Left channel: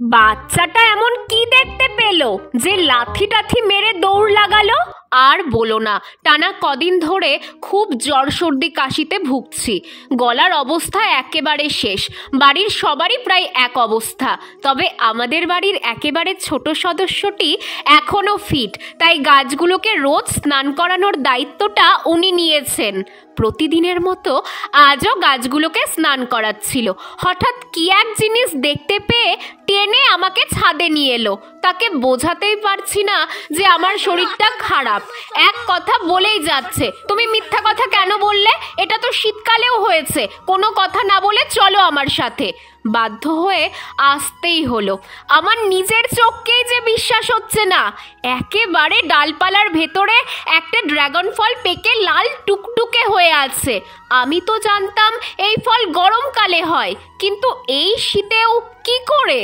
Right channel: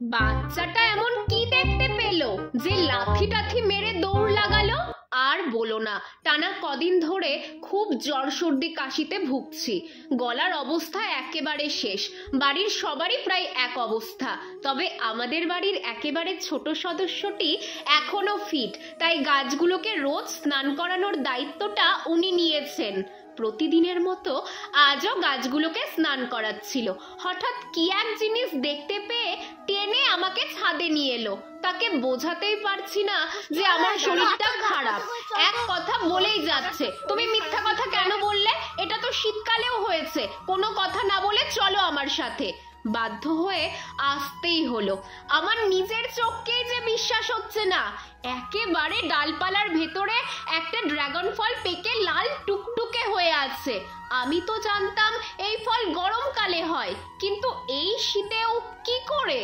বাচ্চাটা এমন কি দেখতে পেল যে লাথি টাথি মেরে দৌড় লাগালো? আর বলো না, টানা কদিন ধরে খুব জ্বর সর্দি কাশিতে ভুগছি। গলার অবস্থা একেবারে শেষ। বাড়ির সবারই প্রায় এক অবস্থা, তবে আমাদের বাড়ির একেবারে ছোট সদস্যটি এখনো ফিট, তাই গাছগুলোকে রোজ স্নান করানোর দায়িত্বটা উনি নিয়েছেন। প্রতিদিনের মতো আজও গাছগুলোকে স্নান করাচ্ছিল। হঠাৎ কি এক জিনিস দেখতে পেয়ে টেনে আমাকে ছাদে নিয়ে এলো। তাকে বোঝাতেই পারছি না যে আমার শরীরটা খারাপ। এক কথা বলেই যাচ্ছে, তুমি মিথ্যা কথা কেন বললে? এটা তো শীতকালেও হয়েছে। কোনো কথা না বলে চলো আমার সাথে। বাধ্য হয়ে আসতেই হলো। আমার নিজের চোখকেই যে বিশ্বাস হচ্ছে না। একেবারে ডালপালার ভেতরে একটা ড্রাগন ফল পেকে লাল টুকটুকে হয়ে আছে। আমি তো জানতাম এই ফল গরমকালে হয়, কিন্তু এই শীতেও কি করে?